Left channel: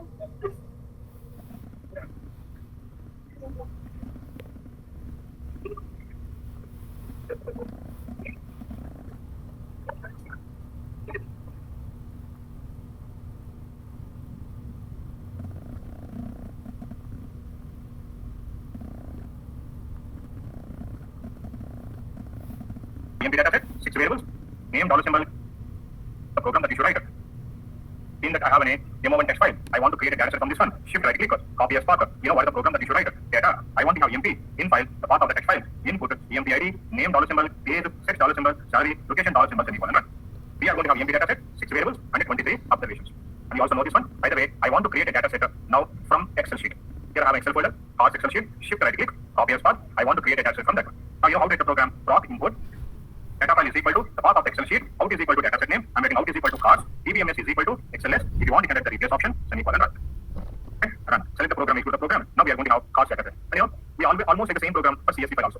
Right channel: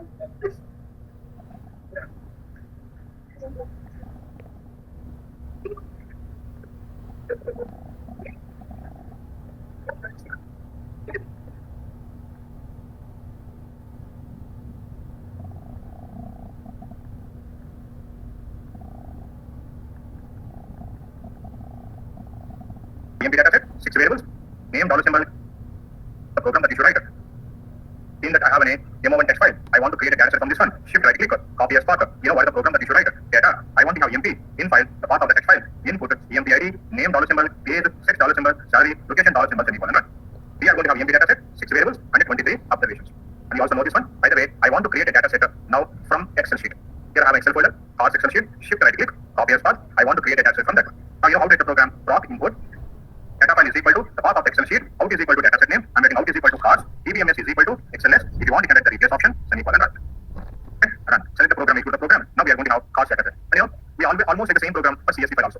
EMP data set, 6 variables, name, dollar symbol, the program that you should write. Seeing that I have an demo1 text file, I want to create a data set from this one. Shift right click, copy as path. What is the program that you should write? Data. I want to have EMP in file, the path of the text file. Input, EMP ID, name, dollar symbol, page, sex, dollar symbol, salary, location, dollar symbol, semicolon. We are going to have EMP data set, 6 variables, and 23 observations. And you also know this one. By the way, I want to create a data set now from Excel sheet. Here I have Excel folder, cars Excel sheet, shift right click, copy as path. I want to create a data set from that one. Now you know how to write the program. Proc input, data file is equal to the path of the Excel sheet, out is equal to data set name, I'm writing out is equal to cars, dbms is equal to XLS. If you want, you can write the replace option, semicolon, run. Okay, run. Select the program, execute the program. Now we are going to have cars data set. And we almost like the same program for CSV file also.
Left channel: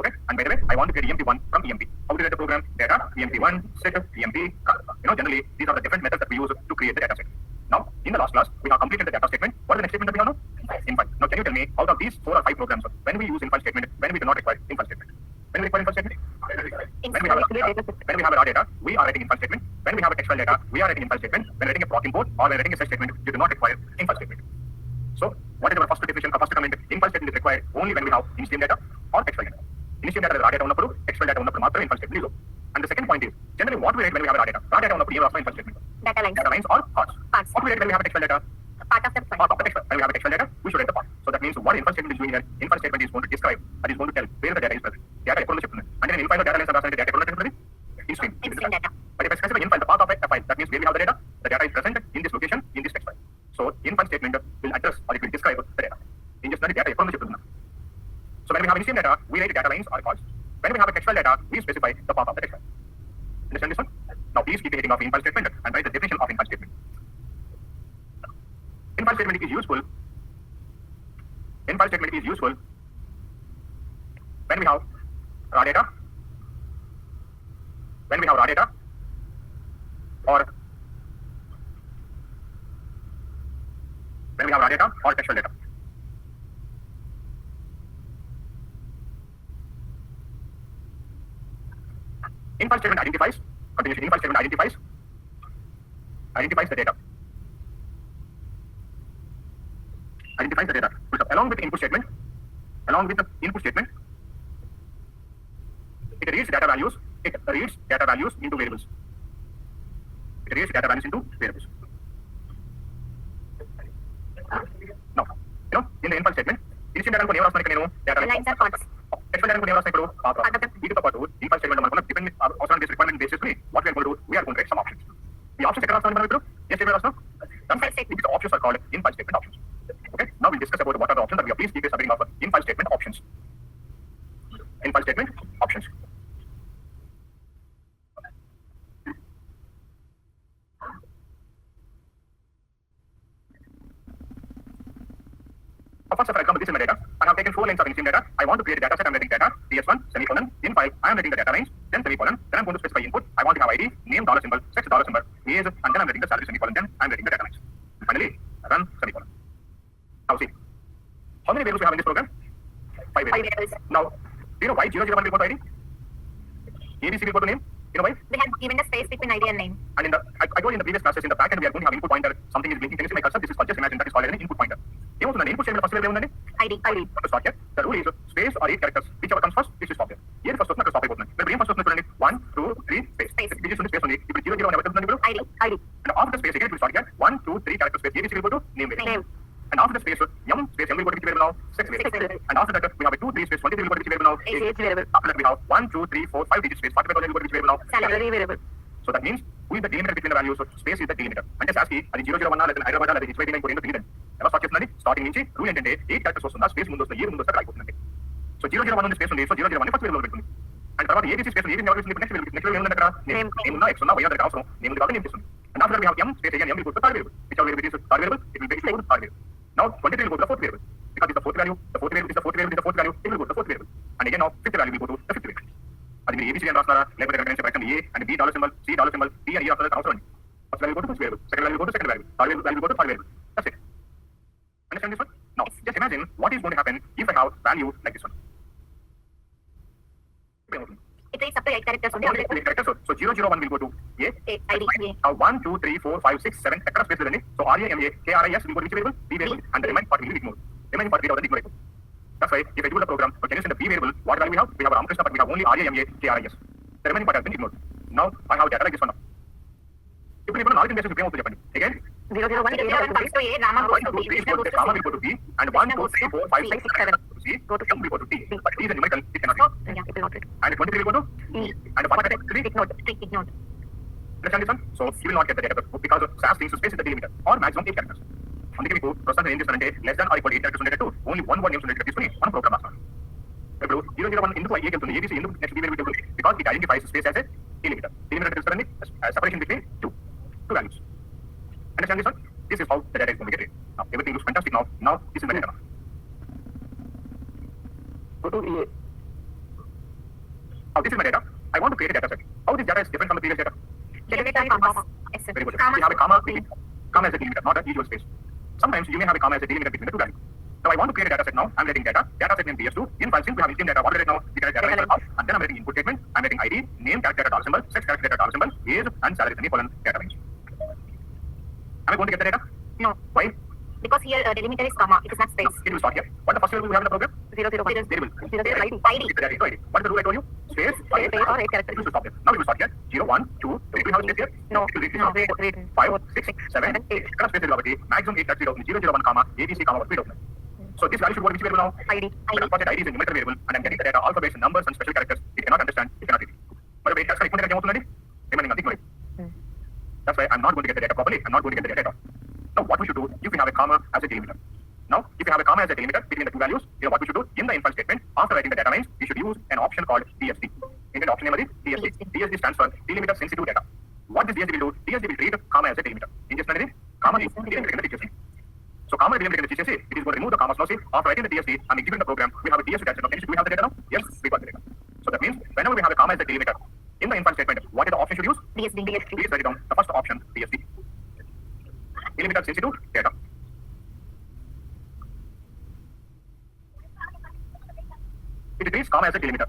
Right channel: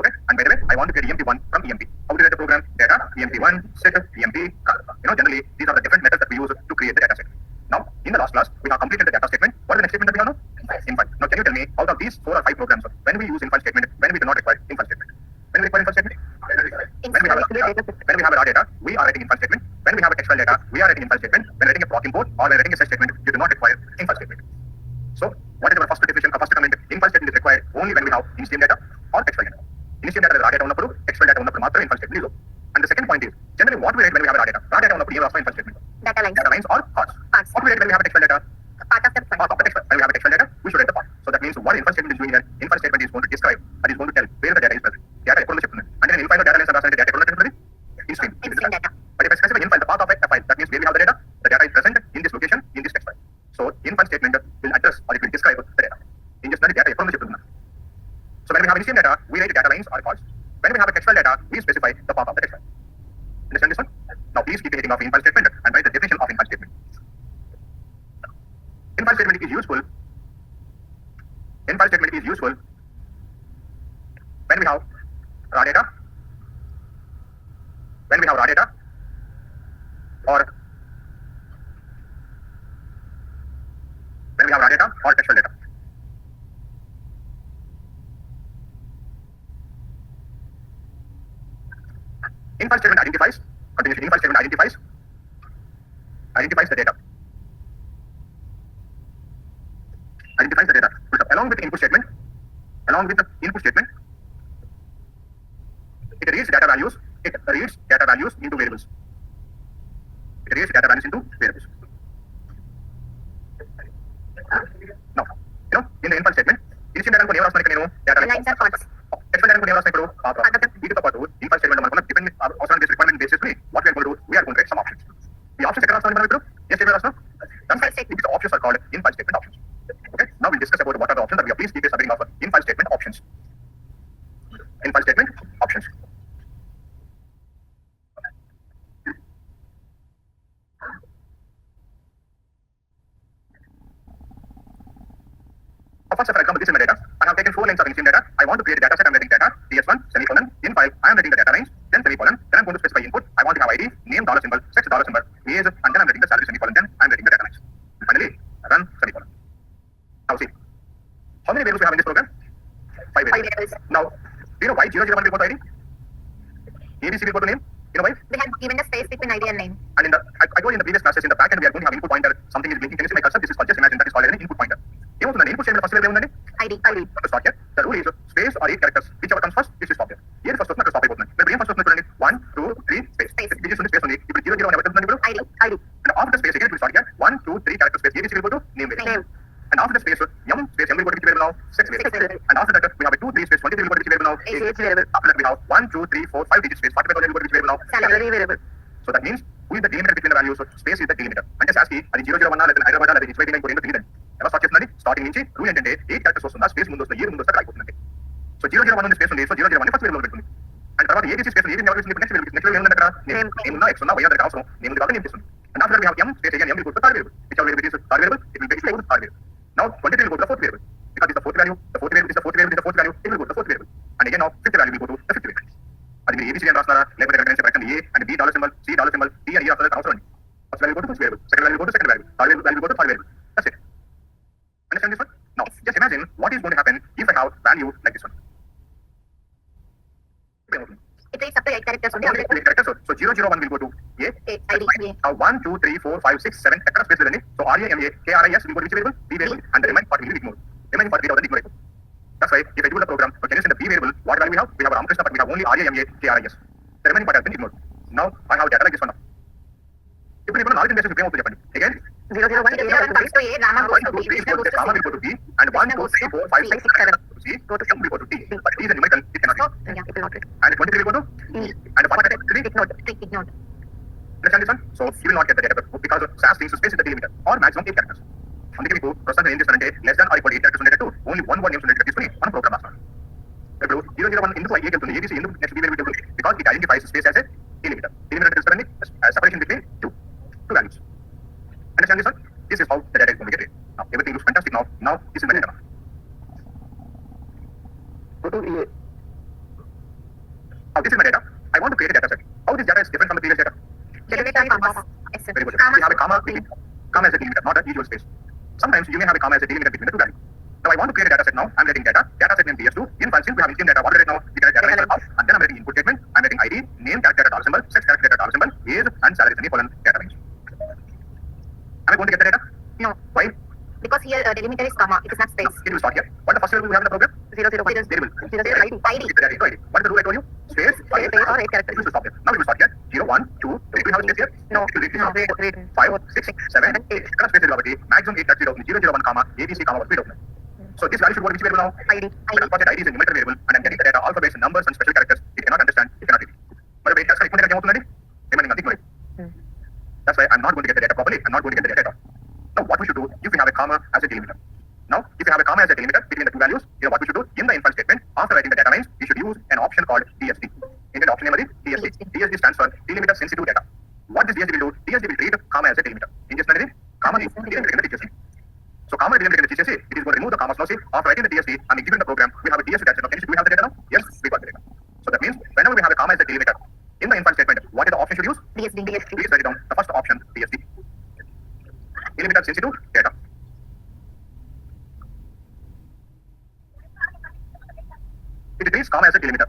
Okay, and by the way, I want to get EMP1 from EMP. How to write the program? Data, EMP1, set, EMP, car. Generally, these are the different methods that we use to create the data set. Now, in the last class, we have completed the data statement. What is the next statement that we have now? Infile. Now, can you tell me, out of these 4 or 5 programs, when we use infile statement, when we do not require infile statement? When we require infile statement? When we have a raw data, we are writing infile statement. When we have a text file data, we are writing infile statement. When writing a proc import or when writing a set statement, you do not require infile statement. So, what is our first definition or first comment? Infile statement is required only when we have initial data or text file data. Initial data is raw data unnappudu, text file data unnappudu matrame infile statement is. And the second point is, generally what we write when we have a raw data? Raw data unnappudu even also infile statement. Data lines or parts. What we write when we have a text file data? Part of the text file. When we have a text file data, we should write the part. So that means what infile statement is doing here, infile statement is going to describe, that is going to tell where the data is present. Data ఎప్పుడు చెప్తుంది అంటే నేను infile data lines రాసిన data ఎప్పుడు చెప్తుంది in stream data. But if I specify infile the path of a file, that means where we have the data is present in this location in this text file. So infile statement will address or it will describe the data. In just data ఎప్పుడు చెప్తుంది. So when we have initial data, we write data lines or calls. When we have a text file data, we specify the path of the text file. Understand this one? Now please keep the heading of infile statement and write the definition of infile statement. Infile statement is useful. Infile statement is useful when we have raw data. When we have raw data or when we have raw data or textual data. Infile statement identifies, continuation infile statement identifies the data. Identifies the data. Along with the input statement, it reads data values into variables. Now, in the infile statement, initial data data lines are parts. Textual data infile statement depending on this requirement basis, what we are going to do, we are going to write some options. The options the options are called infile statement options. Okay, now we'll discuss about what are the options that we have. Please keep this of infile statement options. Infile statement options. First, for example, this is my data. I have taken 4 lines of initial data. I want to create a data set. I'm writing data, ds1, semicolon, in file. I am writing the data lines, then semicolon. Then I'm going to specify input. I want to have ID, name, dollar symbol, sex, dollar symbol, age, and then I'm writing the salary, semicolon. Then I'm writing the data lines. Finally, run, semicolon. Now see, how many variables we have in this program? 5 variables. Now, do you know why 001 will go to ID? ABC will go to name. You know why? We have given the space between ID and name. And in the, I told you in the previous classes, in the back end, we are going to have input pointer. Something is blinking. Can you see my cursor? This is called, just imagine that is called an input pointer. Input statement first level ID. To start here, the rule is space or 8 characters. Whichever comes first, it should stop here. Here first one stop అయిపోతుంది. When first one 1, 2, 3 space. This is space only. If 0 0 1 ID. And after the space again it will start here. 1, 2, 3 character space. ABC will go to name. And after the space M will go to which variable now? 6 variable. And after that we have a 2, 3 space 23 will go to which variable now? Age variable. After that we have 1, 2, 3, 4, 5 digit space 45 will go to which variable now? Salary variable. So that means who is the delimiter between the values? So space is the delimiter. And just ask అది 001 లేదా హైదరాబాద్ లేదా ఇచ్చి పెట్టి తెలియదు. ఎలా start చేస్తుందండి? Starting నుంచి rule ఏంటంటే 8 characters వస్తుందా, స్పేస్ ముందు వస్తుందా, ఇయర్ ముందు వస్తుందా అయిపోతుందండి. సో 001 ఉంది స్పేస్ ఉంది. సో 001 ఫస్ట్ వేరియబుల్ పెట్టుకుంది. అండ్ తర్వాత ABC స్పేస్ ఏది ఎవరు నెక్స్ట్ వేరియబుల్ ఏముంది అక్కడ? నేమ్ ఉన్నా ఎక్స్ ఉన్నా వై దగ్గర అవసరం. నేమ్ కాబట్టి నేమ్ తీసుకుంది. And after we have M space again M will go to third variable. Which variable is third variable? It will be third variable. Now 23 will go to the fourth variable. Because it's the fourth value, the fourth variable is the fourth variable, is the fourth value, it will go to the fourth variable. And again now fifth value will go to the fifth variable. అది మీరు A B C D అని రాస్తున్నారా లేకపోతే reference separation A and B dollar symbol C dollar symbol D అని అవసరం అండి. First value go to first variable, second value go to second value, third value go to third variable. That's it. characters only select characters. So 001 will go to A. ID. Now 1, 2, 3, 4, 5, 6, 7 across space level. So RAMA, KRIS will go to which variable? B variable. And the remaining part will be ignored. Remaining part will be ignored. That's why if I do the program, can you send the B variable? What value we have? We have Ramakrishna, but we have only RAMA, KRIS. The remaining part has been ignored. Now I have data like this one. If you knowledge base, you came out with again. 001 comes to A, Rama goes to B, Krishna goes to Rama C. will go to B, and 1, 2, 3, 4, 5, 6, 7 C, Go to M will go to D. But D is a numerical, it cannot So, be. yeah, it will not read. And 23 will go to E. and 1 3. Ignored. Ignored. Understand this one? So you will not get the data because SAS thinks to space is the delimiter or maximum 8 characters. అందుకే మీకు ప్రస్తుతం ఏం చేస్తానంటే less than or equal to 8 characters ఉండేటట్టు only one word names ఉండేటట్టు తీసుకొని మనం programme రాస్తాం. ఇప్పుడు 001 ఎందుకు ఐఏకి వెళ్తుంది ABC ఎందుకు నెక్స్ట్ B వెళ్తుంది because it identifies space as a delimiter. Delimiter తెలుసుకోండి separation between two values. Understand this one? This is how the data is going to get read. Now everything looks fantastic now. Now this is my data. Go to EA. Now this is my data. I want to create a data set. How this data is different from the previous data? Delimiter comma. Very good. We have a comma between comma as a delimiter, not a usual space. Sometimes you may have a comma as a delimiter between the two values. So I want to create a data set now. I'm getting data. Data set name DS2. In file since we have interim data, what we get now? We get a data set out, and then I'm getting input statement. I'm getting ID, name, character data symbol, sex character data symbol, age, and salary semicolon data range. Am I going to get the data? No. Why? Because here delimiter is comma. It is not space. It will start here. What the first variable we have in the program? 001. Variable. ID. ID. It's the data ID. What is the rule I told you? Space Space or 8 characters. It will stop here. Now it will start here. 0, 1, 2, 3. Do we have space here? No. It will read No. 5, 6, 7, 8. Correct space will be maximum 8 0, 001 comma ABC comma 3. So this value should go to which variable now? ID. But of course, that ID is a numerical variable, and I'm getting the data alphabets, numbers, and special characters. It cannot understand. It cannot read. But wait, that's right. Remaining nothing. That's why I'm not going to get the data properly. I'm not going to get the data at all. Now, what we should do if we have a comma as a delimiter? Now, if you have a comma as a delimiter between the two values, you know what we should do? In the infile statement, after writing the data lines, we should use an option called DSD. In the option name is DSD. DSD stands for delimiter sensitive data. What this DSD will do? DSD will treat comma as a delimiter. In this manner, comma is delimiter in the teacher's name. So comma delimiter in the teacher's name, it is going to remove the comma clause. After writing the DSD and executing the program, we have a DSD data set. Do we have the data now? Yes, we got the data. So that means whenever we have a comma as a delimiter in the infile statement, what is the option should use? DSD. Please write it down. The first option, DSD. Delimiter sensitive data. It treats comma as a delimiter.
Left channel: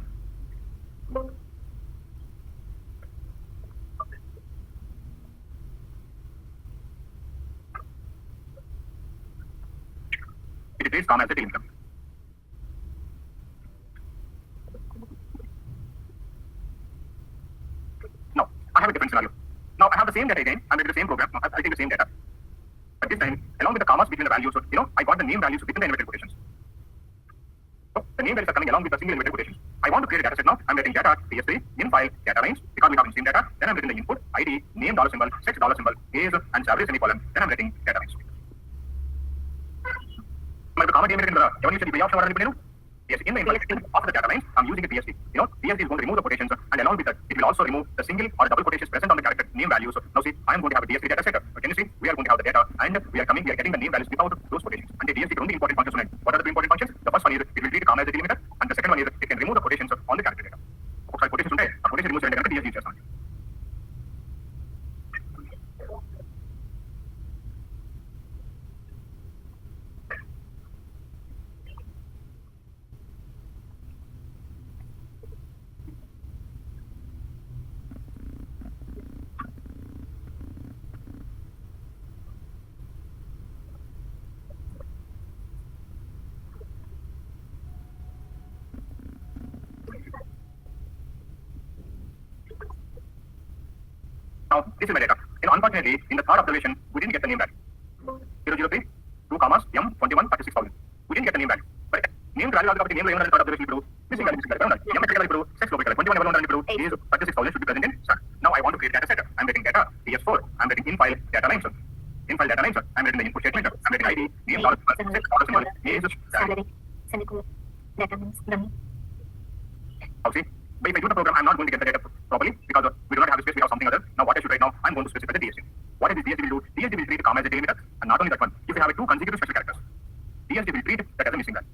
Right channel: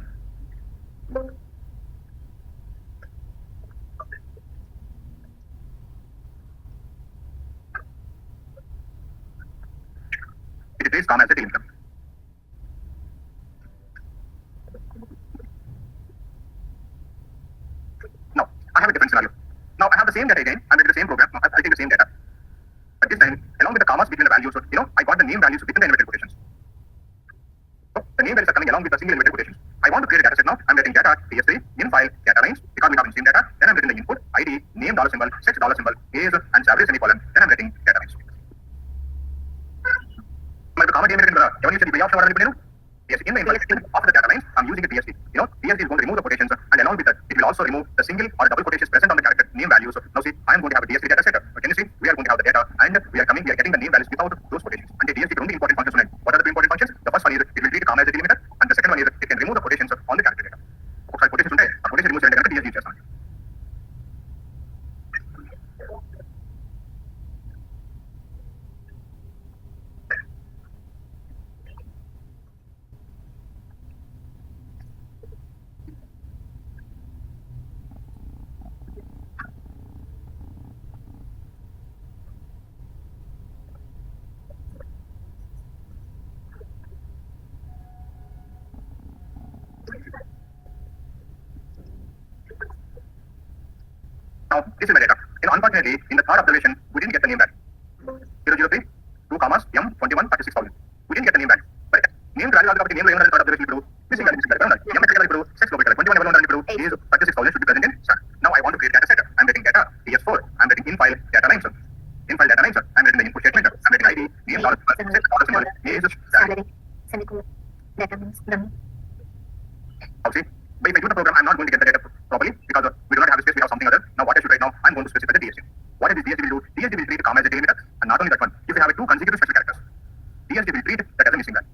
It treats comma as a delimiter. Now, I have a different scenario. Now, I have the same data again. I'm getting the same program. I take the same data. But this time, along with the commas between the values, so, I got the name values within the inverted quotations. So, the name values are coming along with the single inverted quotations. I want to create a data set now. I'm getting data, PS3, in file, data range, because we have the same data. Then I'm getting the input, ID, name dollar symbol, sex dollar symbol, age, and salary semicolon. Then I'm getting data range. My comma delimiter in the option yes, in the infile after the data lines, I'm using a DSD. DSD is going to remove the quotations, and along with that, it will also remove the single or double quotations present on the character name values. Now see, I'm going to have a DSD data set. Can you see? We are going to have the data, and we are getting the name values without those quotations. And the DSD only important functions. What are the two important functions? The first one is it will treat comma as a delimiter, and the second one is it can remove the quotations on the character data. Okay, quotations unte, a quotation removes the DSD just. Now, this is my data. Unfortunately, in the third observation, we didn't get the name value. 003, 2 commas, M21, 36,000. We didn't get the name value. But name value of the name value in the third observation is missing value. M sex local, 21 is 36,000 should be present in start. Now I want to create data set. I'm getting data, PS4. I'm getting in file data lines. In file data lines. I'm getting the input statement. I'm getting ID, name, dollar symbol, age, salary. Semicolon. Data means dummy. Okay. But if I do the program, I'm not going to get the data properly because we do not have a space, we have something other. Now what I should write now, I'm going to specify the DSD. What is this DSD will do? DSD will treat comma as a delimiter, and not only that one, if you have two consecutive special characters, DSD will treat that as a missing value.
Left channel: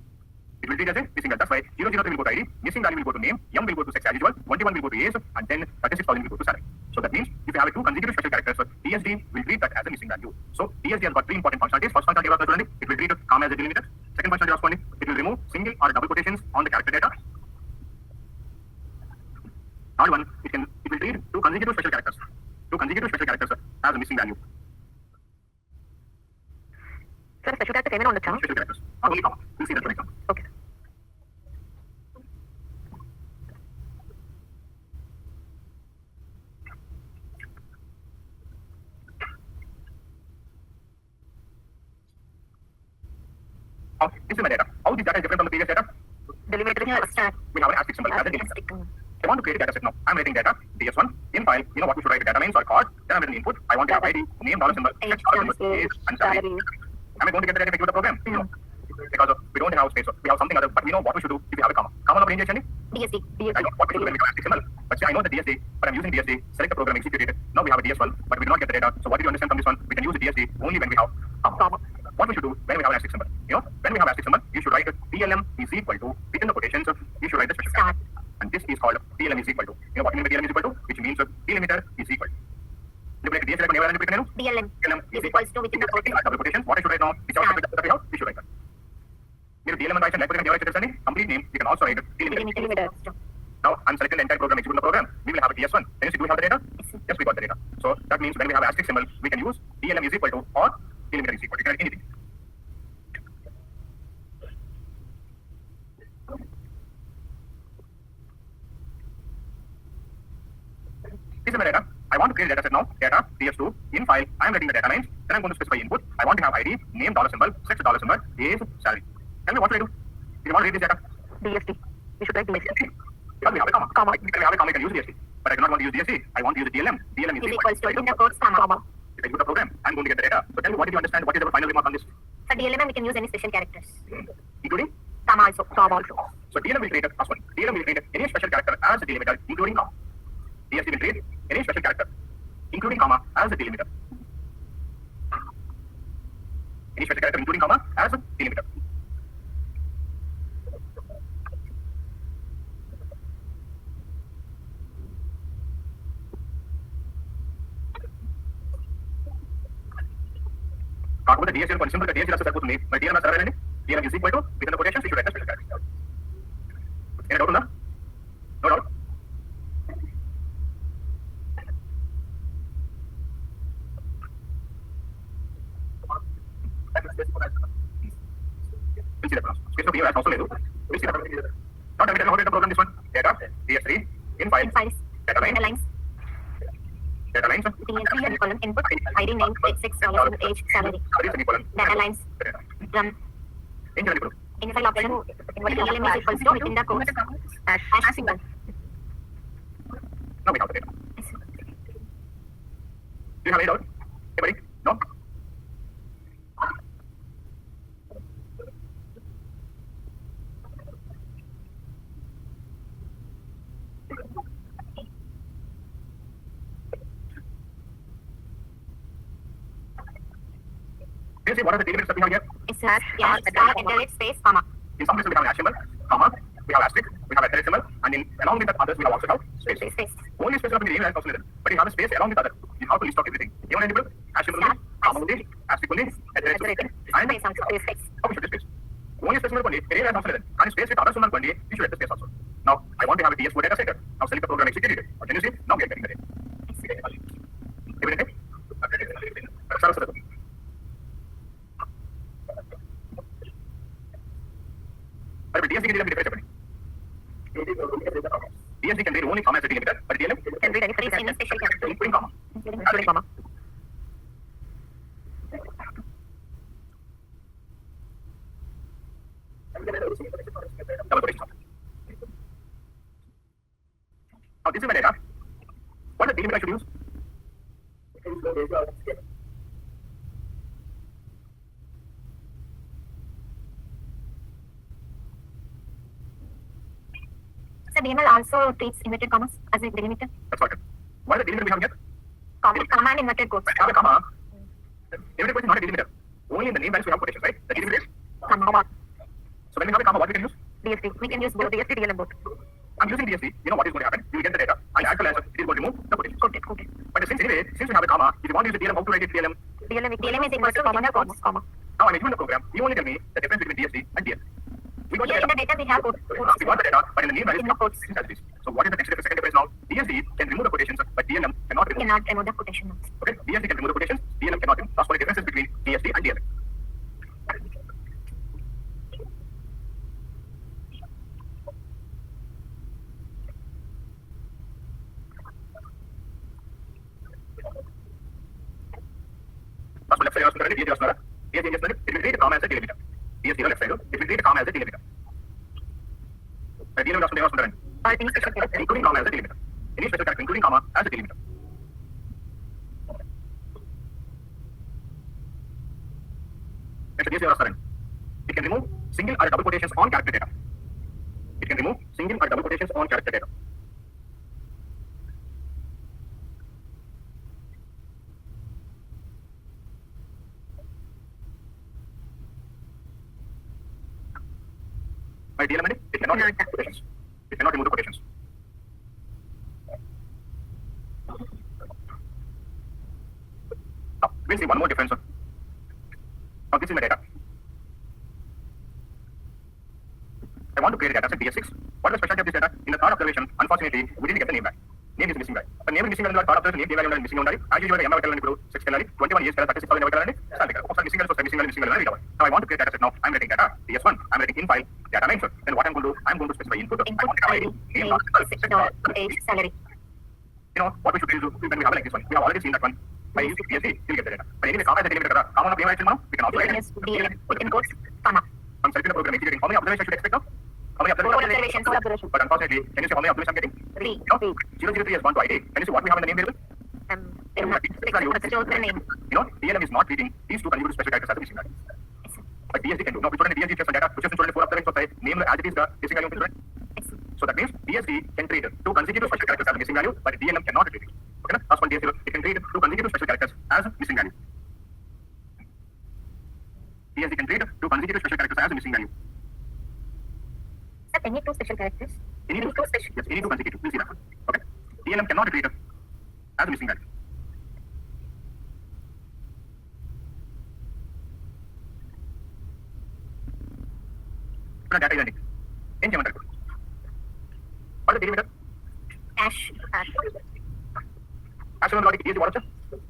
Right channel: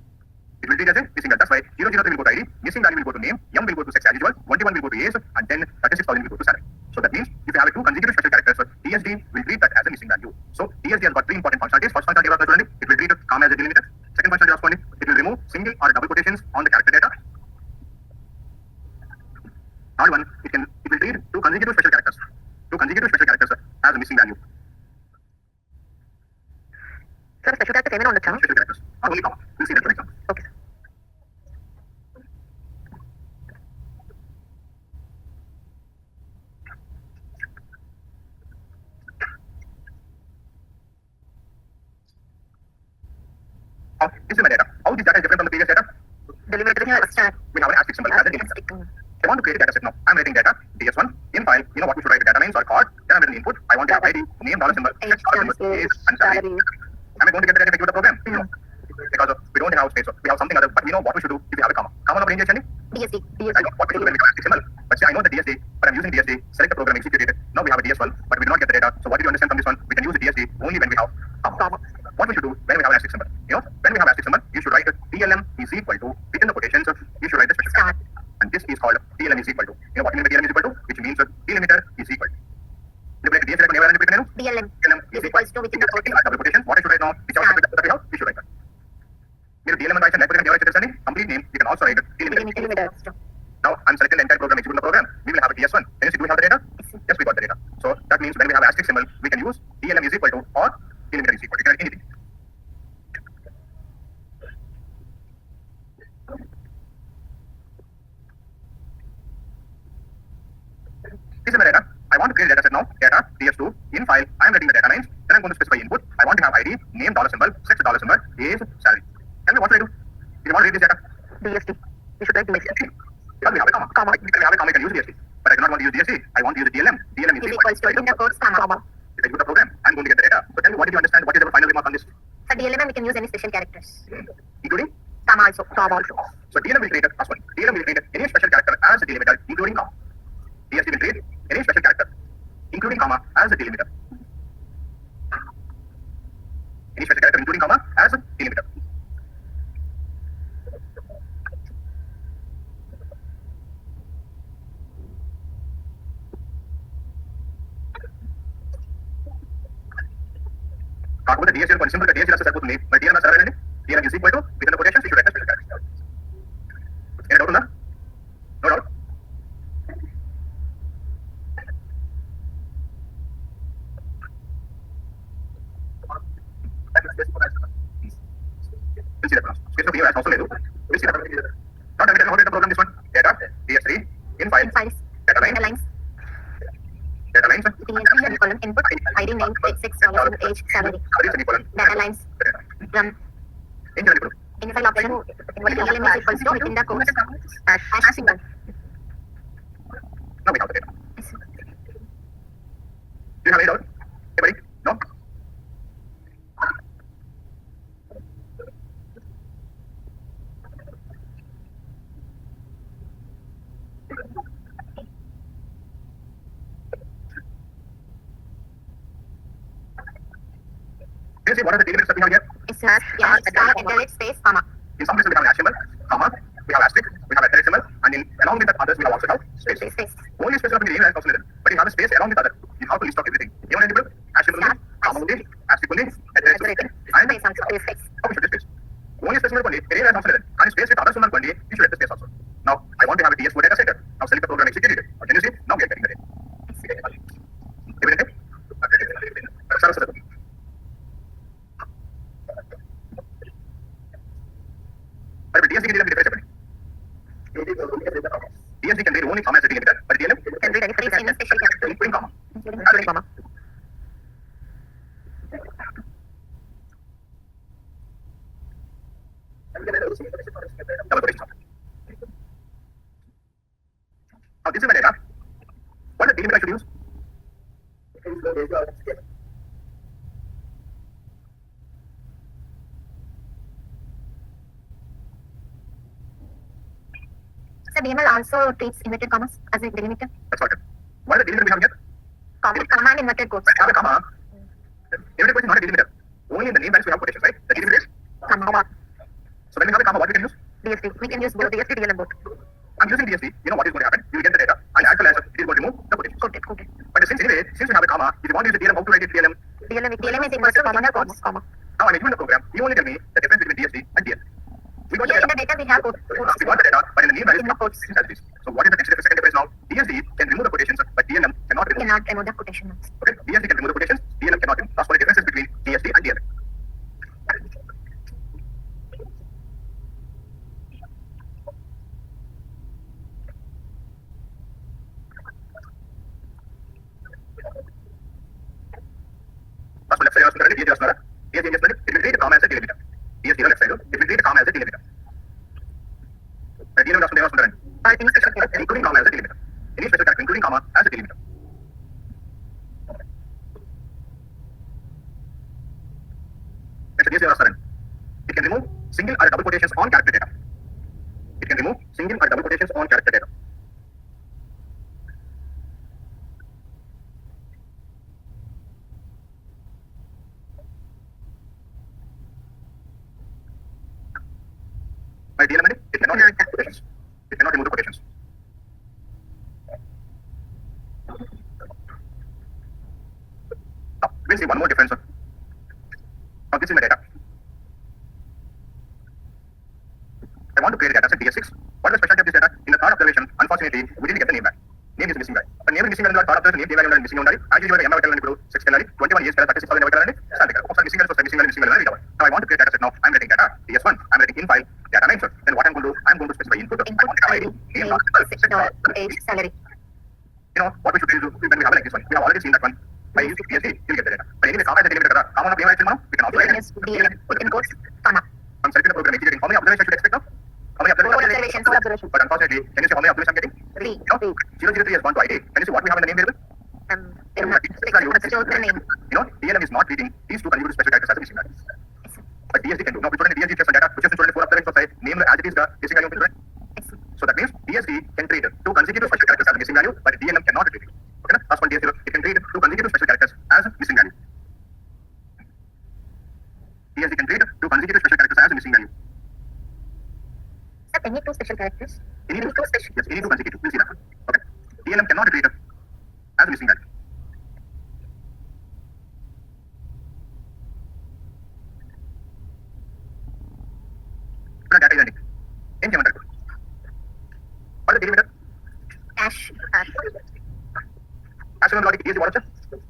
It will treat as a missing value. That's why 003 will go to ID, missing value will go to name, M will go to sex as usual, 21 will go to age, and then 36,000 will go to salary. So that means if you have two consecutive special characters, DSD will treat that as a missing value. So DSD has got three important functionalities. First functionality of the it will treat comma as a delimiter. Second functionality of it will remove single or double quotations on the character data. Third one, it can two consecutive special characters. Two consecutive special characters has a missing value. Sir, special character ఏమైనా ఉండొచ్చా? Special characters, not only comma. We'll see that for example. Okay. Now, this is my data. How this data is different from the previous data? Delimiter is first. We have an asterisk symbol as a delimiter. I want to create a data set now. I'm writing data, ds1, in file, you know what we should write, data names or card, then I'm writing input, I want to have ID, name, dollar symbol, Age, dollar symbol, age, and salary. salary. Am I going to get the data with the program? No. Because we don't have space, so we have something other, but we know what we should do if we have a comma. Comma no range actually? DSD. I know what we should do when we have asterisk symbol. But say I know the DSD, but I'm using DSD, select the program, execute it. Now we have a DS1, but we do not get the data. So what did you understand from this one? We can use the DSD only when we have comma. What we should do when we have an asterisk symbol? You know, when we have asterisk symbol, you should write DLM is equal to, within the quotations, you should write the special Start. and this is called DLM is equal to. You know what you mean by DLM is equal to? Which means delimiter is equal to. DLM is equals to within the quotation. Double quotation. What I should write now? Which also that we have, we should write that. Here DLM and write and complete name. You can also write delimiter. Delimiter. Now I'm selecting the entire program, execute the program. We will have a DS1. Can you see, do we have the data? Yes, we got the data. So that means when we have asterisk symbol, we can use DLM is equal to or delimiter is equal to. You can write anything. This is my data. I want to create a data set now. Data, ds2, in file, I am writing the data names. Then I'm going to specify input. I want to have ID, name, dollar symbol, sex, dollar symbol, age, salary. Tell me what should I do? If you want to read this data, DSD. You should write DSD. because we have a comma. Comma. Because we have a comma, I can use DSD. But I do not want to use DSD. I want to use the DLM. DLM is Is equals to within the quotes, comma. If I use the program, I'm going to get the data. So tell me, what did you understand? What is the final remark on this? For DLM, we can use any special characters. Including? Comma also. Comma also. So DLM will create a first one. DLM will create any special character as a delimiter, including comma. DSD will create any special character, including comma, as a delimiter. Any special character, including comma, as a delimiter. కాకపోతే DSL కొంచెం simple గా DSL వస్తే సరిపోతుంది. మరి DLM సరేనండి. DLM is equal to within the quotations we should write the special character. ఏమైనా doubt ఉందా? No doubt. అవసరం లేదు. Not every time how to program this one. Data, DS3, in file, In files. data line, Data lines. data lines, Semicolon. Input. ID, name, sex, dollar symbol, age, salary. semicolon, Data lines. Drum. ఏం చేయాలి ఇప్పుడు? In file option. DLM is equals to within the quotes. Hash symbol. Now we have the data. Do you have any doubt? Anybody? No? Can you see what are the delimits that we have here? It's hash, star, iterate, space, comma. In some places we have an hash symbol, comma, we have asterisk, we have a caret symbol, and in along with that others we have also have space. Space. Only space of the name and also written. But you have a space along with other. You have to list off everything. You want to hash symbol only, comma only, asterisk only, caret only, and Space also. Space. how we should space. Only space only, name and also written. And space with others only, you should write the space also. Now I want to have a DS4 data set. Now select the program, execute it. Can you see? Now we are getting the data. Evident? Sarah, Sarah. But DSD can be different. DSD can read only comma as a delimiter, but DLM Can read any phrase, any special character. including comma. Including comma. Double quotation. Now this is my data. What is the delimiter I should use? So DML also treats inverted commas as a delimiter. That's what. What is the delimiter we have here? Comma and inverted quotes. I have a comma. Delimiter quotation is not a delimiter. Only in the name values we have quotations, right? The delimiter is. Comma. So when we have a comma, what we can use? DSD. We can use both DSD, DLM both. I'm using DSD. You know what is going to happen? You will get the data, and as well as it is going to remove the quotation. Quoted. But since anyway, since we have a comma, if you want to use the DLM, how to write it DLM? DLM is equals to comma and quotes. Comma. Now when I given the program, you only tell me the difference between DSD and DLM. We got the Here in data. the data we have quotes. We got the data, but in the name values, In the quotes. So what is the second difference now? DSD can remove the quotations, but DLM cannot remove the quotation marks. Okay, DSD can remove the quotations, DLM cannot. That's what the difference is between DSD and DLM. That's left side of the DSD is not. DSD is not. It will treat the comma as a delimiter. DSD left side, it will treat the comma as a delimiter. DLM is not. Any special character. Including comma as a delimiter. Any special character including comma as a delimiter. Next, DSD is not. It can remove single or double quotations on character data. It can remove single or double quotations on character data. By DLM, it cannot remove quotations. It cannot remove the quotations. Now, we'll see one more difference. Now, this is my data. I want to create a data set bs6. What is the specialty of this data? In the third observation, unfortunately, we didn't get the name back. Name is missing guy. The name is missing in the third observation, name value missing on as usual, the M value is 6 calendar, 21 years, 36 calendar, missing value. Now I want to create a data set. Now I'm writing data bs1. I'm writing in file data name. Then what I'm going to do? I'm going to specify input. I want to ID, name, Age, salary. you know what we should do when we have like this one. We have already seen that one. By using BSD, you'll get the data. But anyway, comma is a delimiter. Comma we can also write DLM in quotes, comma. I'm selecting the program executing. How many observations should I expect now? How many observations? Four observations. But unfortunately, can you see how many observations I'm getting? 3. No. 003 has gone to ID. Can you see what we have in the name variable? The name. You know, DLM is not treating these two consecutive special characters as a missing value. But DSD can do. Now, we put in the DSD special data, which is in 4 observations, so name as it is the missing value of the So that means DSD can treat two consecutive special characters as a missing value, but DLM cannot treat it. Okay, that's one DSD. It can treat two consecutive special characters as a missing value. DSD can treat two consecutive special characters as a missing value. Sir, any two special characters? Any two special? Yes, any two consecutive. We'll see that one. Okay. DLM cannot treat as a missing value. Data is ending. In geometry. What is the delimiter? Ash. As logic, DSD what is it?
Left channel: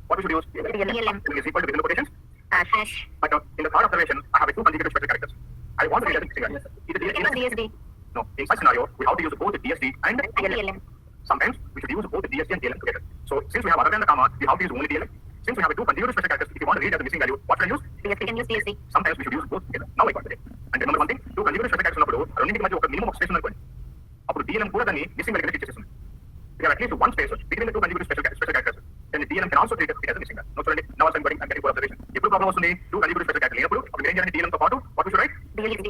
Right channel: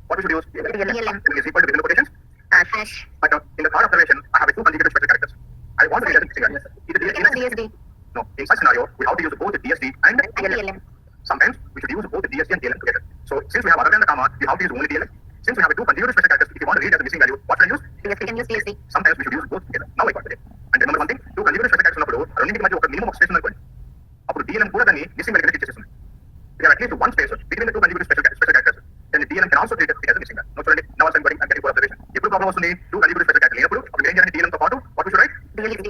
What we should use? DLM. Is equal to within the quotations. Ash. But in the third observation, I have two consecutive special characters. I want to get a missing value. DSD. No, in such scenario, we have to use both the DSD and DLM. Sometimes we should use both the DSD and DLM together. So since we have other than the comma, we have to use only DLM. Since we have two consecutive special characters, if you want to read as a missing value, what should I use? DSD can use DSD. Sometimes we should use both together. Now I got it. And remember one thing, two consecutive special characters ఉన్నప్పుడు రెండింటికి మధ్య ఒక minimum space ఉంది. అప్పుడు DLM కూడా దాన్ని missing value కింద చేసేస్తుంది. We have at least one space between the two consecutive special characters. Then the DLM can also treat it as a missing value. Now చూడండి, now I'm getting for observation. ఎప్పుడు problem వస్తుంది? Two consecutive special characters లేనప్పుడు అప్పుడు ఏం చేయాలి? DLM తో పాటు what we should write? DSD.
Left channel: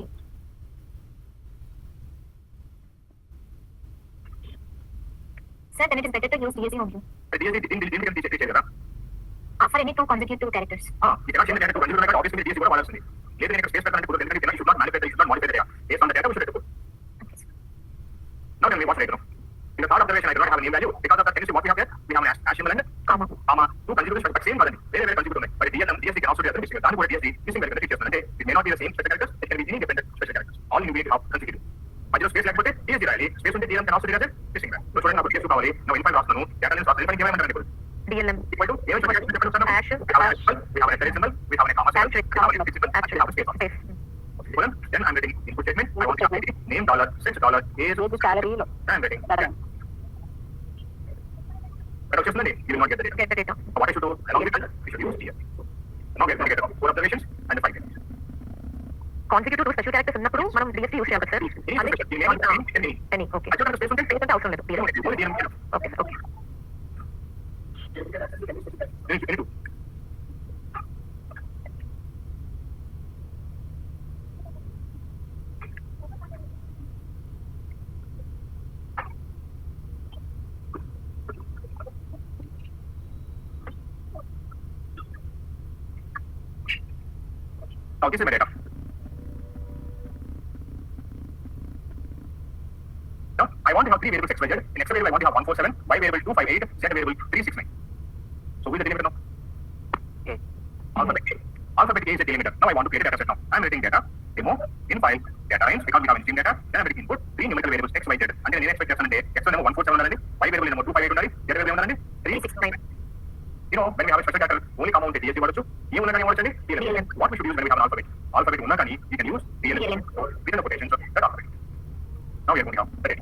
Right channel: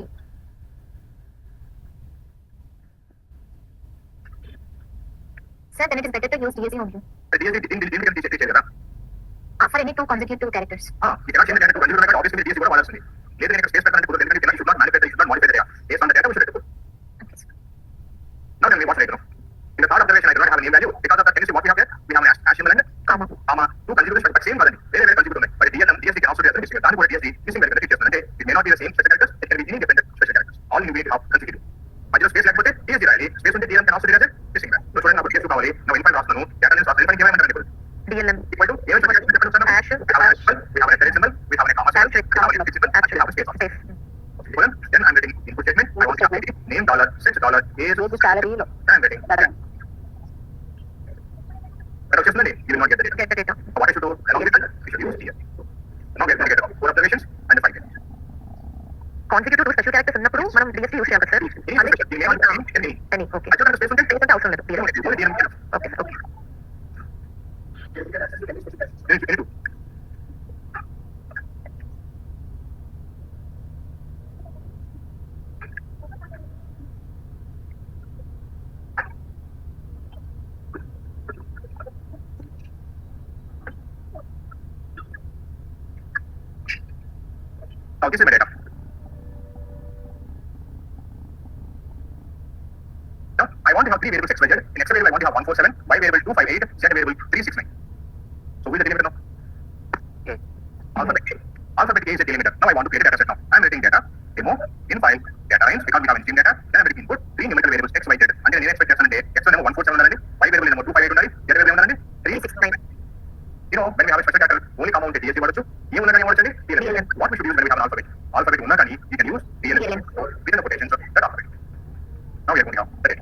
Sir, then it is better to use DSD only. DSD దీనికి can teach కదా. For any two consecutive characters. You cannot change the data to consecutive character. Obviously DSD కూడా వాడాల్సింది. లేదు నేను space పెట్టాలంటే కుదరదు. ఎందుకంటే you should not manipulate, you should not modify the data. Based on the data we should write the code. Now tell me what's right now. In the third observation, I do not have a name value. Because of that, can you see what we have there? We have an hash symbol and Comma. Two consecutive special, but same value. Very consecutive. But DSD can also be a missing value. DSD missing value. It may not be the same special characters. It can be any different special characters. All you need to have consecutive. But just space లేకపోతే DSD రాయాలి. Space ఉంటే DLM can also be as a missing value. So చూడండి, నాకు DSD కావాలి. Now in file రాస్తున్నాను. Data lens రాస్తున్నాను. In file ఏమైనా DLM. equal to ఏమైనా చెప్పండి. Hash. We have a hash symbol. We have a reference symbol. We have a comma symbol. We have a input symbol. And we have a space on it. Then I'm getting input statement. I want to update it. Name $, $6, age, Salary. I'm getting. But occasionally, you will not get the data. Get the data. What I should do, along with that, we should use DSD. Now we are going to get 4 observations and the 5 data. Consecutive two special characters ఉన్నప్పుడు మనం DSD use చేయాలి sir. Any. Okay. I don't have space on Space అంటే అవసరం లేదు. only DLM enough. Okay. Any two. Now this is my data. Now I want to have 3 variables x, y, z. In x variable I want to have 147, y variable 258, z variable 369. So who is the delimiter now? Okay. Alphabet A. Alphabet A is the delimiter. Now I want to create a data set now. I'm writing data, demo, in file, data names, because we have in data, then I'm writing input, 3 numerical variables x, y, z. And then నేను expect చేస్తానంటే x number 147 ఉండాలండి, y variable number 258 ఉండాలి, z variable number 369. when we have a special character, only come out the DSC word. You know DLM. What we should use when we have an alphabet? Alphabet unna kani, you can use DLM within the quotations of that alphabet. Now we are going on. Correct.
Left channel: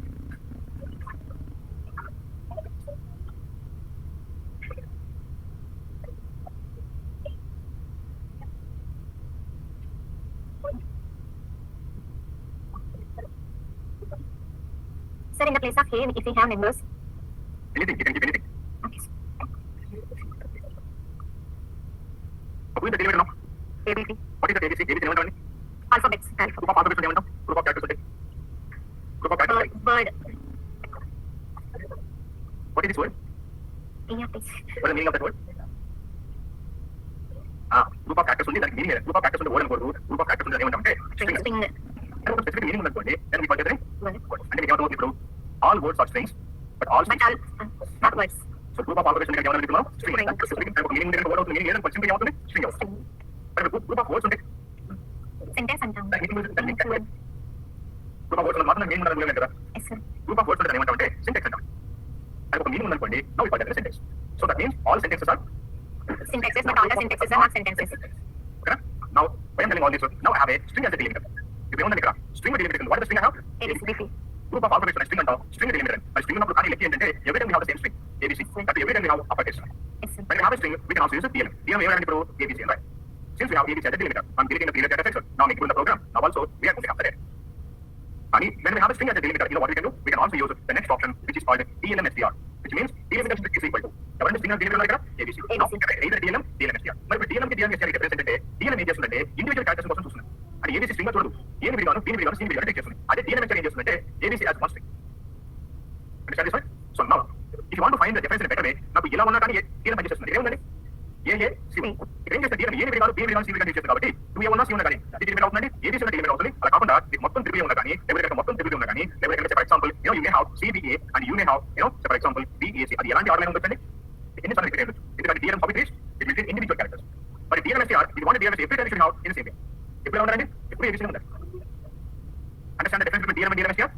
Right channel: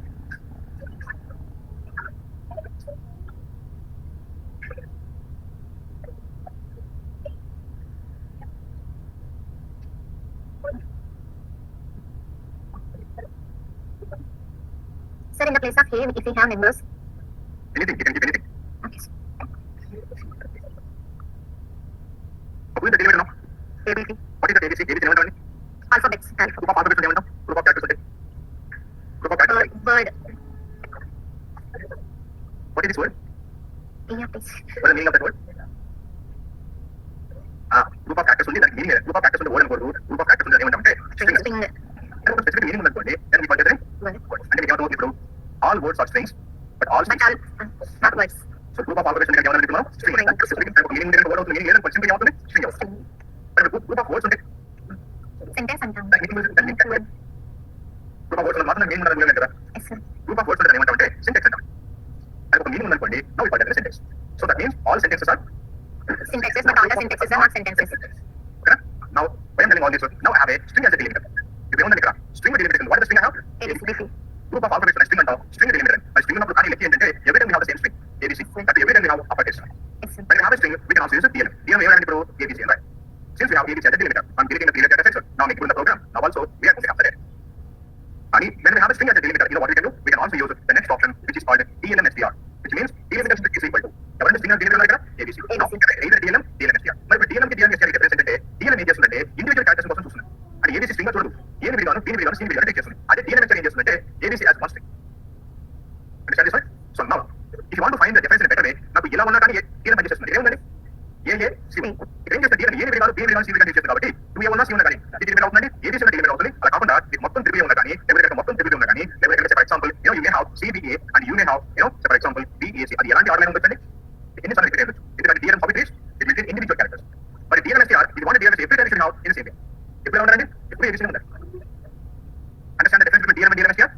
Sir, in the place of A, if we have numbers. Anything, you can give anything. Okay. Who is the derivative now? ABC. What is the ABC? ABC is Alphabets. Group of alphabets is group of characters. Group of characters. Bird. What is this word? Yeah, please. What is the meaning of that word? Group of characters only, that meaning here. Group of characters on the word and word. Group of characters on the name and String. And specific meaning on the word, then we call it Word. and we have to know all words are strings, but all strings. Not words. So group of alphabets on the string. Specific type of meaning in the word of the meaning here and simply out string out. But a group of words on it. Sentence and That meaning is that meaning. Group of words on the meaning on the yes, sir. group of words on the name and syntax and type of meaning on the now we call it a sentence. So that means all sentences are Syntaxes, but all the syntaxes are not sentences. Okay? Now, when I'm telling all this, now I have a string as a delimiter. If you want to string a delimiter, what is the string I have? ABC. Group of alphabets on a string and string a delimiter. A string of every time we have the same string, ABC. That every time we have uppercase. Yes, sir. When we have a string, we can also use a DLM. DLM and ABC, right? Since we have ABC as a delimiter, I'm creating a period data section. Now I'm making the program. Now also, we are going after that. And when we have a string as a delimiter, you know what we can do? We can also use the next option, which is called DLM-STR, which means delimiter is equal to. Now, string as delimiter like ABC. Now, either DLM, DLM-STR. But if DLM DLM-STR is represented, DLM is just individual characters కోసం చూస్తున్నాను. And ABC string చూడదు. ఏని విడిగాను, దీని విడిగాను, సీని విడిగాను take చేస్తుంది. అదే DLM-STR ఏం చేస్తుందంటే ABC as one string. Understand this, right? So now, if you want to find the difference in a better way, నాకు ఇలా ఉన్నా కానీ DLM పని చేస్తుంది. ఏముందండి? C. ఏం చేస్తే DLM ఏని విడిగాను, B విడిగాను, C విడిగాను చేస్తుంది కాబట్టి 2A ఉన్నా C ఉన్నా కానీ అది డిలిమిట్ అవుతుందండి. ABC ఉన్న డిలిమిట్ అవుతుంది. అలా కాకుండా ఇది మొత్తం 3A ఉన్నా కానీ ఎవరికైనా మొత్తం 3B ఉన్నా కానీ ఎవరికైనా for example you may have CBA and you may have for example BAC. అది ఎలాంటి ఆర్డర్ ఉంటుందండి? ఎన్నిసార్లు రిపీట్ అయ్యొచ్చు. ఎందుకంటే DLM how it is, it will take individual characters. But DLM-STR, if you want a DLM, every time you should have in the same way. ఎప్పుడు ఉండాలండి? ఎప్పుడు ABC ఉండాలి. Understand the difference between DLM and DLM-STR?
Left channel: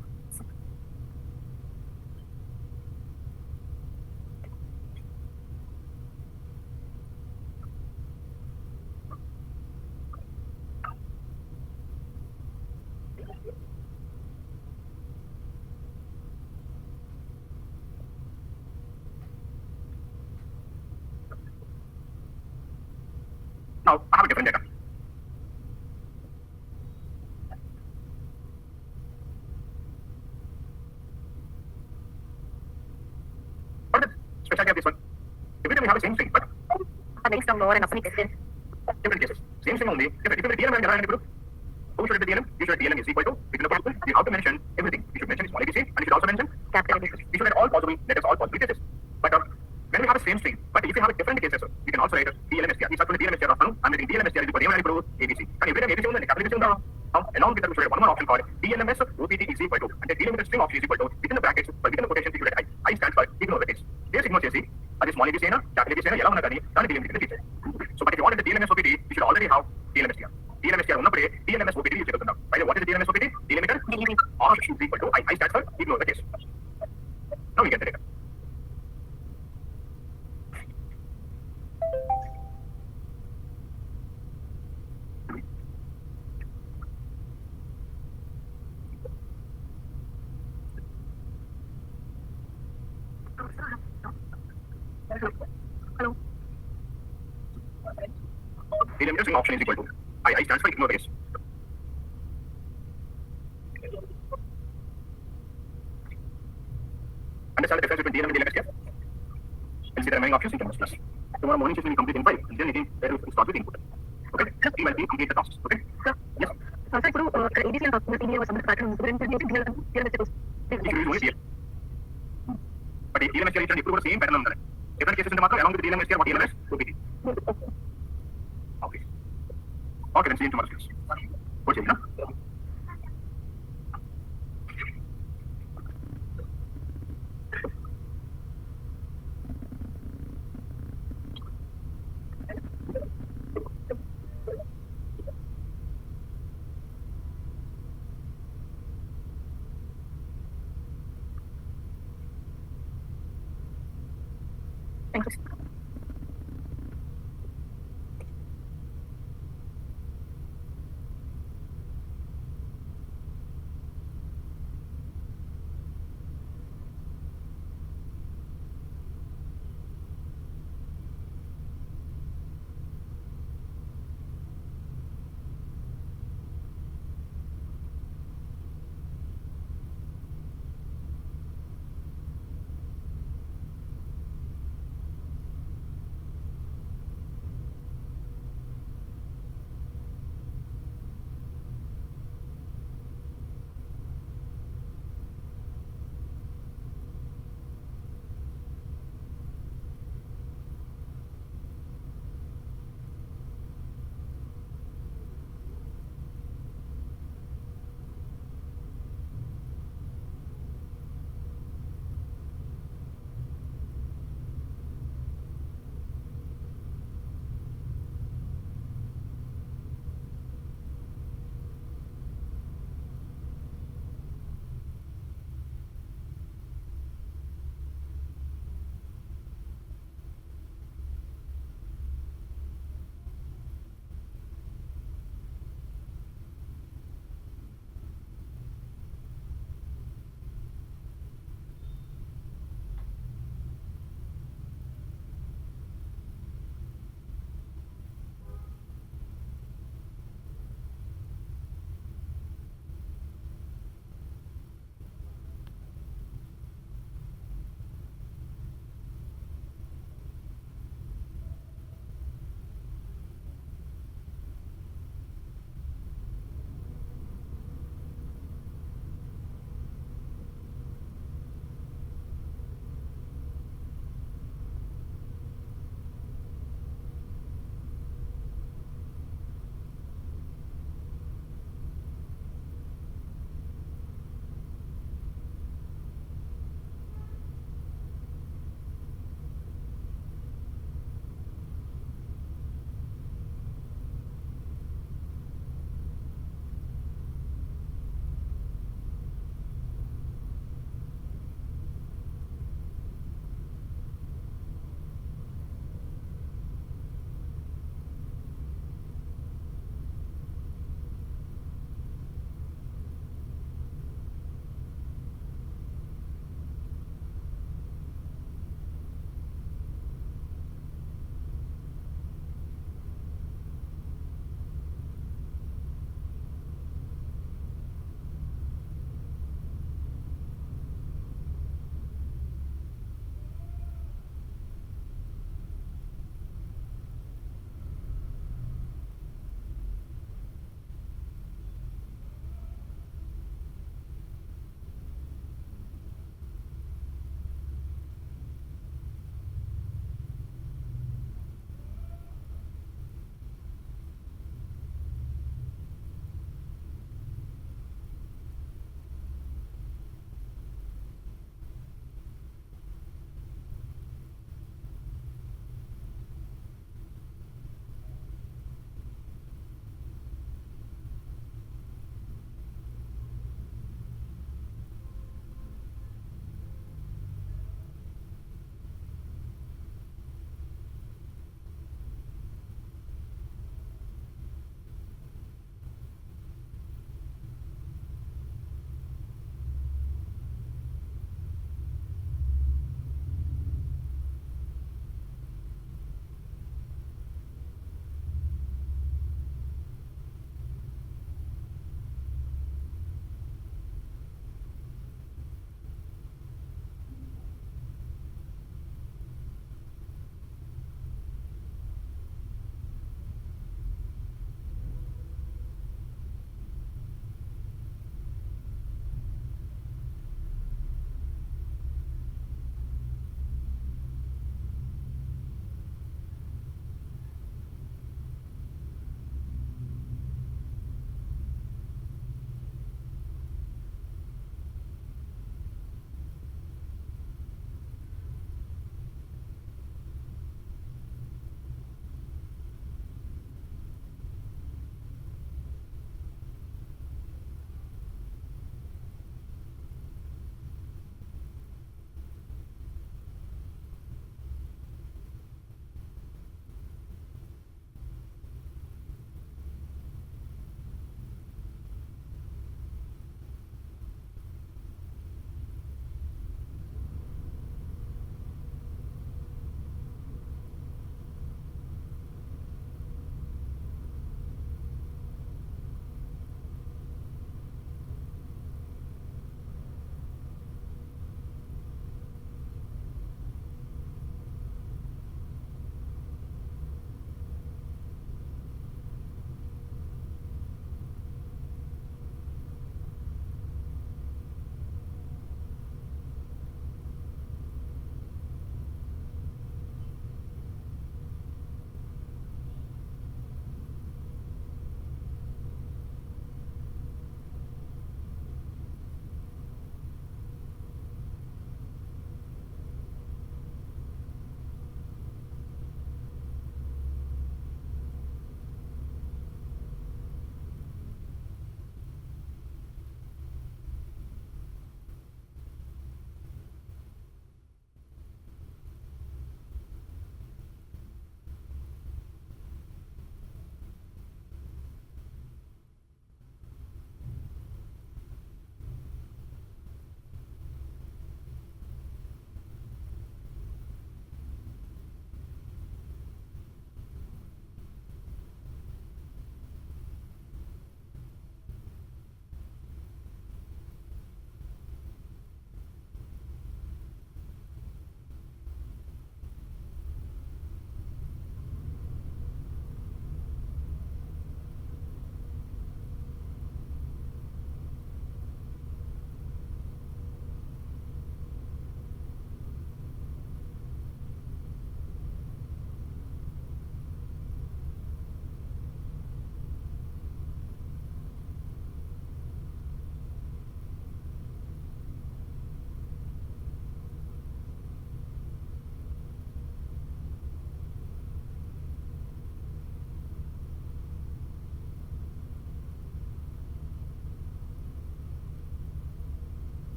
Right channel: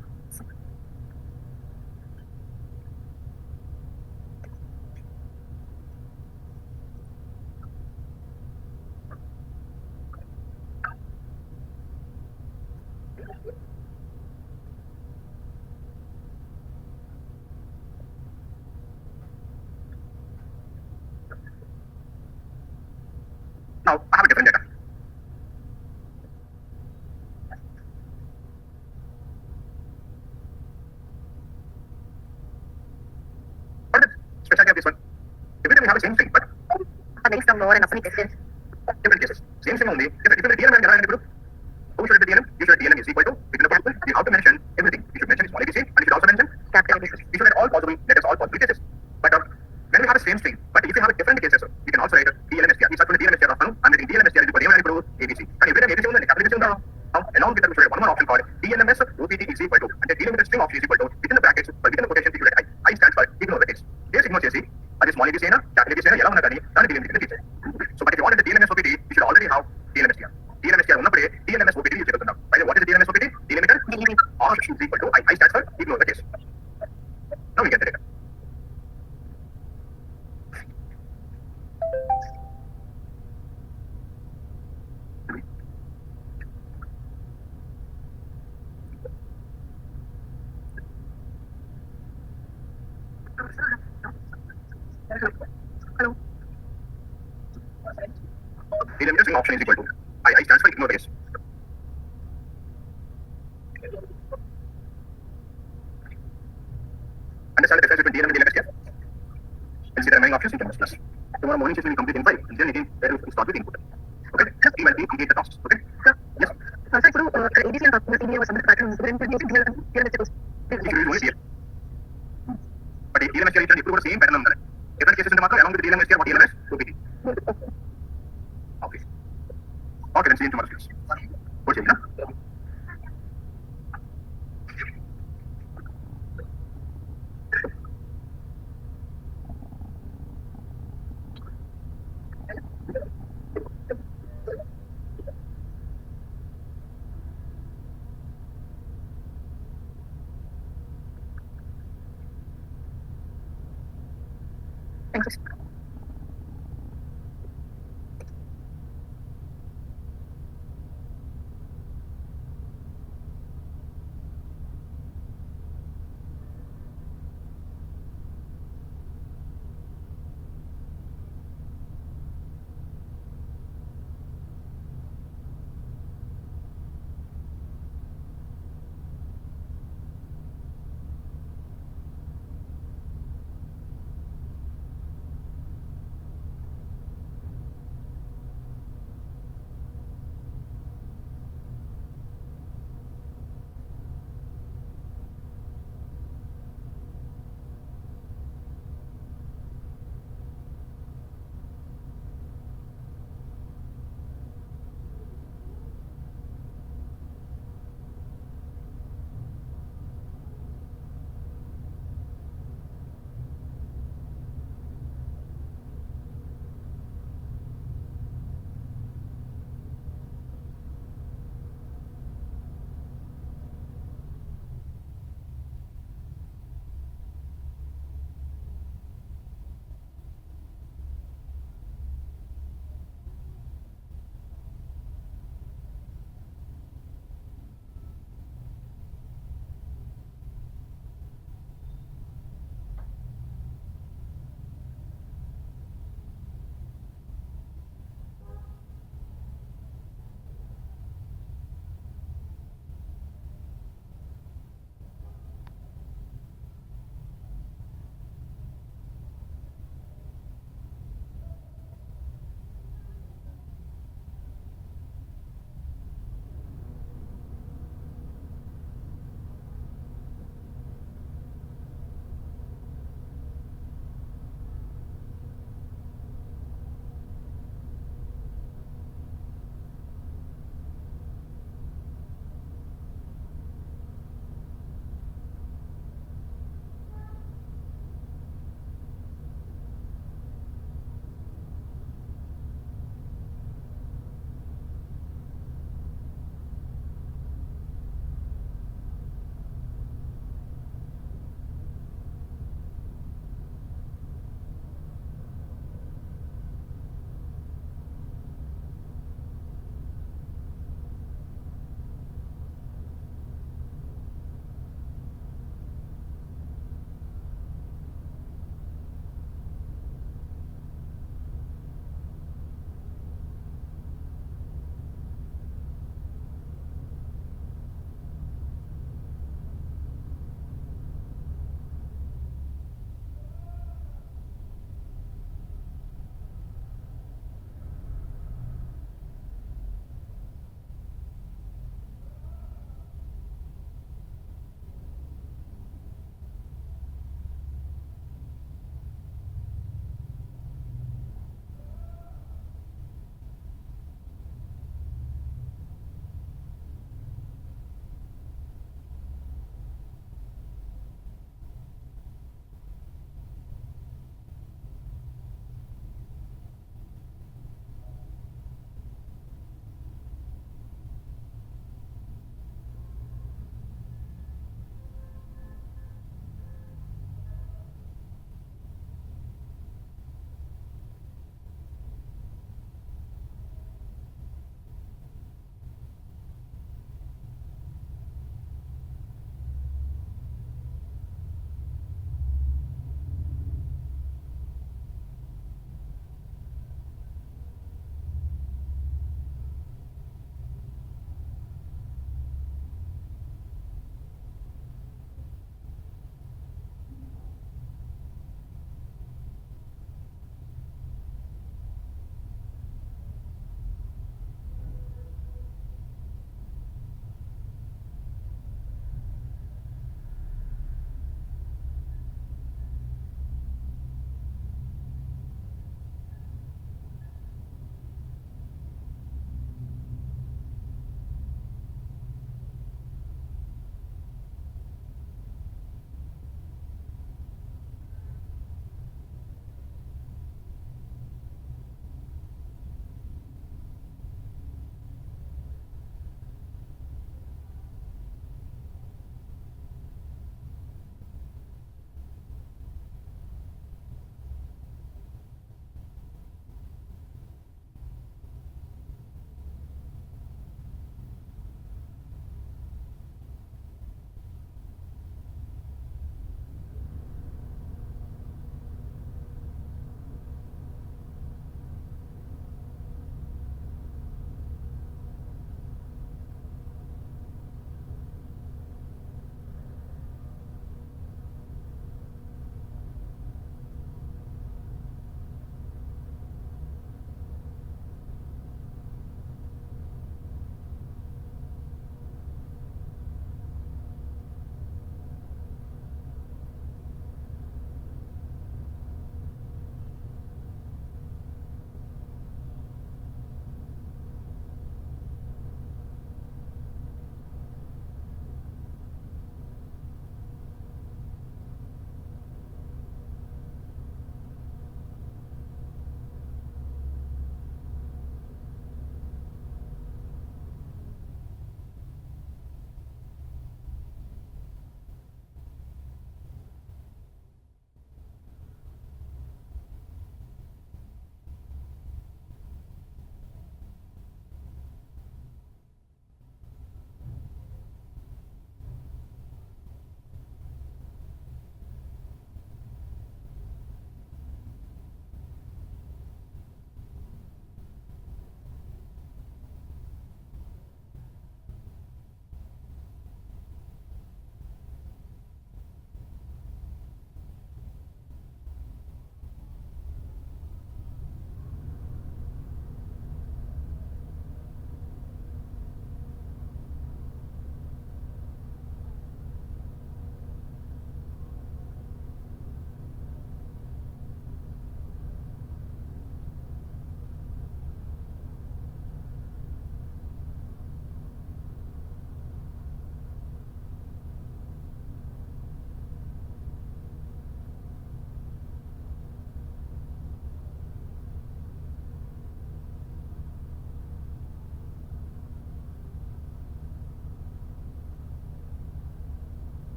Now, I have a different data. What is the specialty of this one? Every time we have the same string, but Based on lower and upper cases. different cases. Same string only. If you DLM and group, who should it be DLM? You should DLM is equal to, within the group, you have to mention everything. You should mention small ABC and you should also mention Capital ABC. you should write all possible letters, all possible cases. But when we have the same string, but if you have a different cases, you can also write DLM-STR. These are DLM-STR of I'm writing DLM-STR is equal to ABC. And every time ABC on the capital ABC on now, along with that, we should have one more option called DLMS OPT is equal to, and the delimiter string option is equal to, within the brackets, but within the quotation, you should write I stands for ignore the case. This ignore చేసి అది small ABC అయినా capital ABC అయినా ఎలా ఉన్నా కానీ దాన్ని delimiter కింద తీసేయాలి. So but if you wanted the DLMS OPT, you should already have DLM-STR. DLM-STR ఉన్నప్పుడే DLMS OPT యూజ్ చేస్తున్నాం. By the way, what is the DLMS OPT? Delimiter option is equal to I stands for ignore the case. Now we get the data. Hello. Delimiter string option is equal to I stands for ignore the case. Understand the difference between DLM and DLM-STR? And see the remaining options in terms of plus. Tomorrow morning session will complete in 5, and then again where we start with input. Okay? Just email me, complete the tasks. Okay? Sir. Yes. Sir, ఇప్పుడు ABC and CBA was under pattern. It should use only DLM. But if DLM-STR is ఇప్పుడు కూడా same pattern ఉండాలి. Different cases ఉంటే మాత్రం along with DLM-STR, what DLMS? OPT. Okay. Okay, then see you tomorrow. Go check, huh? Thank you.